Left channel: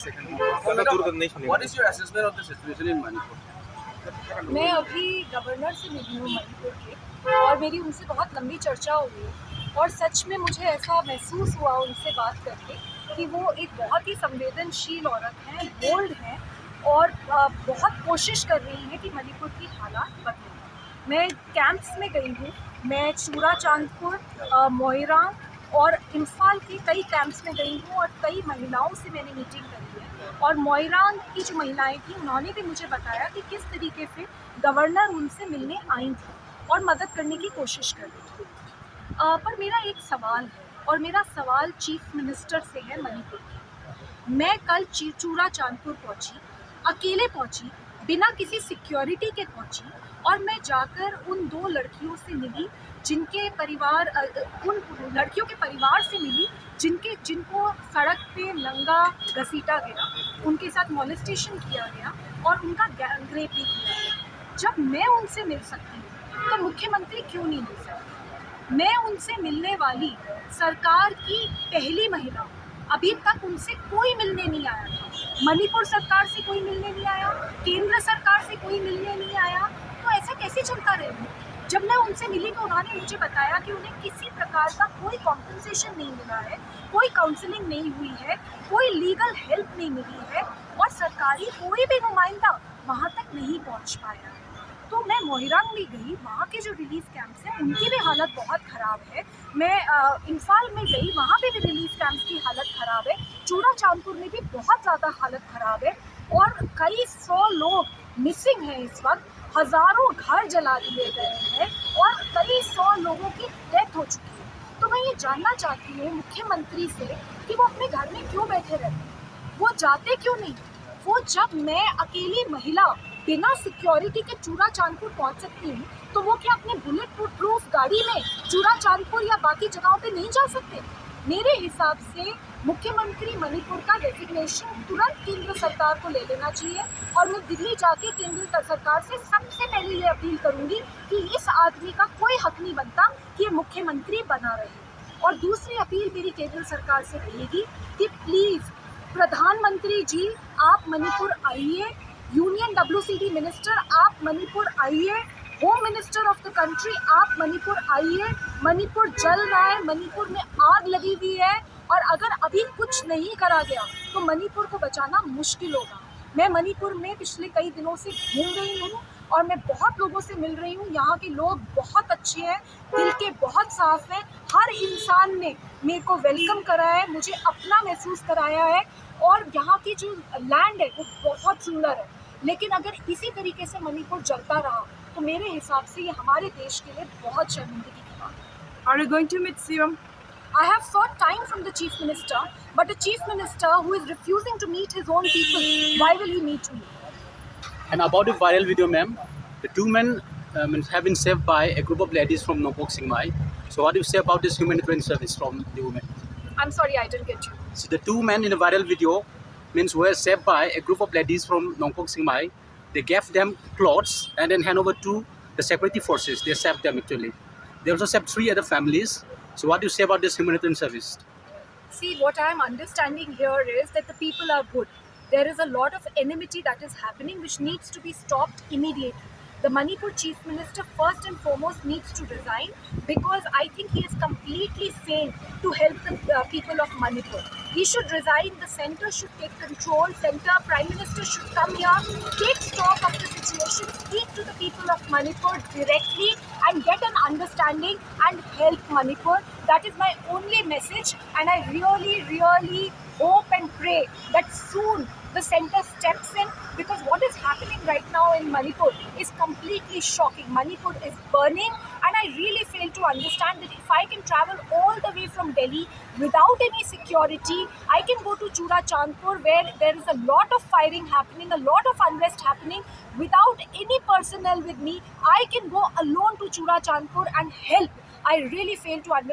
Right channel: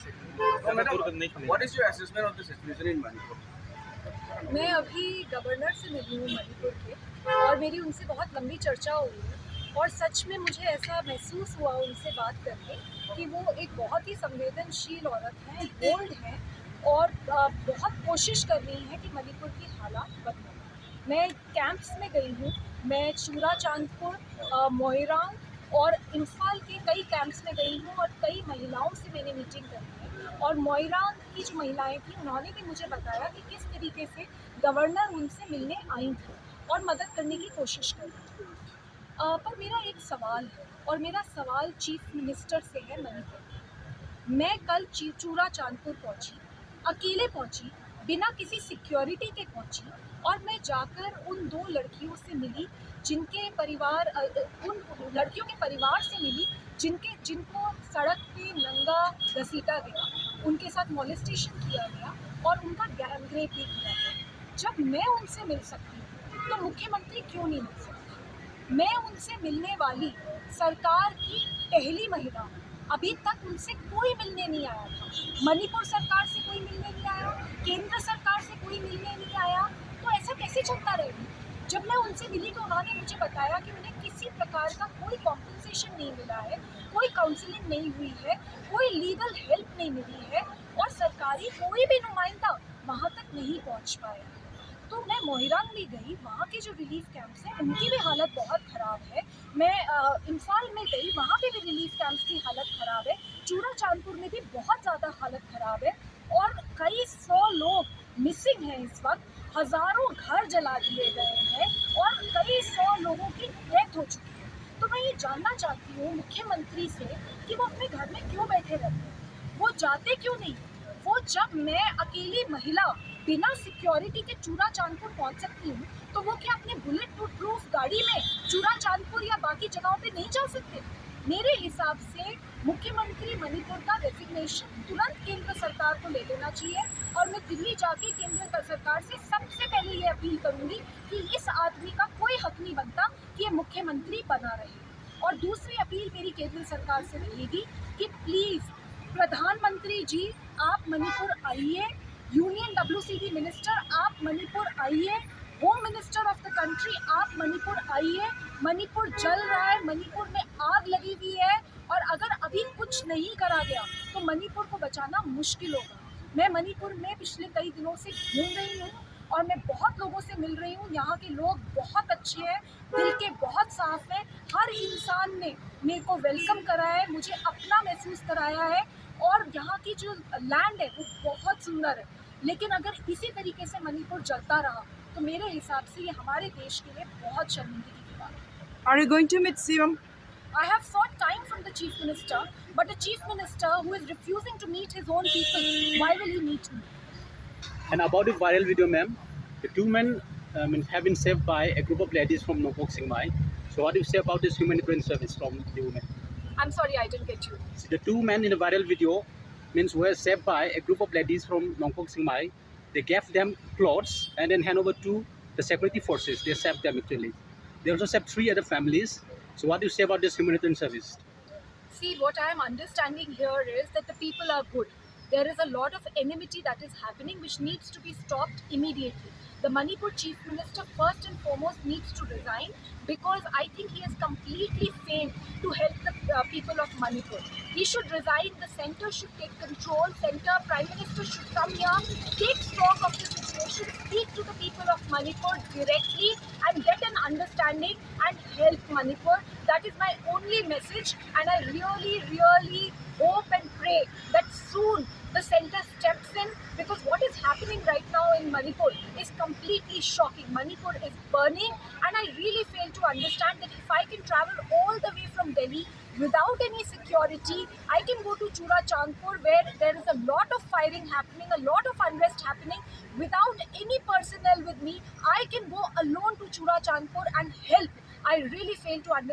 What is your assessment of the situation in Manipur? मैं अभी governor से मिली हूँ मणिपुर के और मेरी उनसे बहुत लंबी चर्चा हो गई और सच में मुझे ऐसा महसूस हुआ उनसे बात करके कि वो एक बहुत ही संवेदनशील औरत हैं, बोल्ड हैं और बहुत कोशिश कर रही हैं कि मणिपुर की हालात बदलें। मैं कैंप्स में गई हूँ, मैं चूरा चांदपुर, मोइरांग और इम्फाल के कई कैंप्स में गई हूँ और कई महिलाओं से मैंने मीटिंग करी है और मोइरांग की जो महिलाएं थी उन्होंने भी मुझे बताया कि किस तरीके से गवर्नर उनसे मिलने आई थी और मदद करने की कोशिश कर रही थी। पर मेरा एक सवाल है और मेरा सवाल चीफ मिनिस्टर से है मणिपुर की। मैं कल चूरा चांदपुर पहुंची, अकेले पहुंची, बिना किसी सिक्योरिटी के पहुंची और मैं जाकर उन दो लड़कियों से मिली जिनके परिवार उन लड़कियों के परिवार से मिली जिनको सड़क पे नंगा घसीटा गया, उनके साथ मॉलेस्टेशन किया गया और उनका गैंग रेप भी किया गया। जब मैं उनसे मिल सकती हूँ तो मुख्यमंत्री क्यों नहीं मिल सकती? मैं उनसे मिलने वाली सरकार की पहली महिला हूँ। अभी तक उनसे कोई मिलने नहीं आया था। मणिपुर सरकार से कोई मिलने नहीं आया, केंद्र सरकार से कोई मिलने नहीं आया, तो ऐसा कैसे चलता रहेगा? जब मैं उनसे मिली तो उन्होंने मुझे बताया कि उन्हें किसी प्रकार का कोई कॉम्पनसेशन नहीं मिला है, कोई काउंसलिंग नहीं हुई है, कोई लीगल हेल्प नहीं मिली है और सरकारी कोई भी नुमाइंदा वहाँ तक नहीं पहुँच पाया है। तो मैं मोइरांग भी गई, वहाँ के जो रिलीफ कैंप्स हैं उनकी भी हालत बहुत ख़राब है। मैं इम्फाल में गई, वहाँ पे भी रिलीफ कैंप्स की हालत ख़राब है। चूरा चांदपुर में भी बहुत ज़्यादा हालत ख़राब है और कई 100 लोग मिसिंग हैं इस वक्त। हज़ारों घर जला दिए गए हैं और कई 100 लोगों की डेथ हो चुकी है। तो मैं ये जानना चाहती हूँ मुख्यमंत्री से कि वो अपने घर में क्यों बैठे रहते हैं, वो जाते क्यों नहीं? वो जब मैं अकेली महिला बिना सिक्योरिटी के चूरा चांदपुर पहुंच सकती हूँ तो वो क्या अपने बुलेट प्रूफ गाड़ी में चूरा चांदपुर या बाकी जगहों पे नहीं जा सकते? मेरे हिसाब से मुख्यमंत्री मणिपुर का डेजिग्नेशन तुरंत केंद्र सरकार को ले लेना चाहिए और मैं दिल्ली जाके केंद्र सरकार से सबसे पहले ये अपील करूंगी कि इस आदमी का कोई हक नहीं बनता कि ये मुख्यमंत्री बना रहे। और दूसरी अपील मेरी केंद्र सरकार से रहेगी कि प्लीज़ प्रधानमंत्री जी आप मणिपुर आइए, यूनियन WCD मिनिस्टर आप मणिपुर आइए, home minister of the country आप मणिपुर आइए। मणिपुर जल रहा है, मणिपुर में आग लगी हुई है और अगर अभी कुछ नहीं करा गया तो मणिपुर को बचाना मुश्किल होगा। मैं मणिपुर में पिछले कई दिनों से घूम रही हूँ और मैं बहुत लोगों से मिल रही हूँ। यहाँ के लोग बहुत अच्छे हैं, दिल के बहुत साफ हैं। हर इंसान ने मेरे को वेलकम करा है, मुझे अपना महसूस कराया है और यहाँ की जो लैंड है वो बहुत सुंदर है। लेकिन अगर इसी तरीके से मणिपुर जलता रहा तो मेरे हिसाब से ये हमारे देश के लिए बहुत शर्मिंदगी की बात है। Are you going to meet CM? I have sought time from the chief minister, but a chief minister who is refusing to meet his own people, why will he meet me? And about the viral video, ma'am, the two men have been saved by a group of ladies from Nongpok Singmai. So what do you say about this humanitarian service from the women? I'm sorry, I didn't get you. So the two men in the viral video means were saved by a group of ladies from Nongpok Singmai. They gave them clothes and then hand over to the security forces. They saved them actually. They also saved 3 other families. So what do you say about this humanitarian service? See, what I'm understanding here is that the people are good. There is a lot of enmity that is happening which needs to be stopped immediately. The Manipur Chief Minister first and foremost needs to resign because I think he has completely failed to help the people of Manipur. He should resign, the centre should take control, centre Prime Minister should come here, take stock of the situation, speak to the people of Manipur directly and get an understanding and help Manipur. That is my only message and I really hope and pray that soon the centre steps in because what is happening right now in Manipur is completely shocking. Manipur is burning and I really fail to understand that if I can travel all the way from Delhi without any security, I can go to Chura Chandpur where there is a lot of firing happening, a lot of unrest happening. Without any personnel with me, I can go alone to Chura Chandpur and help. I really fail to understand.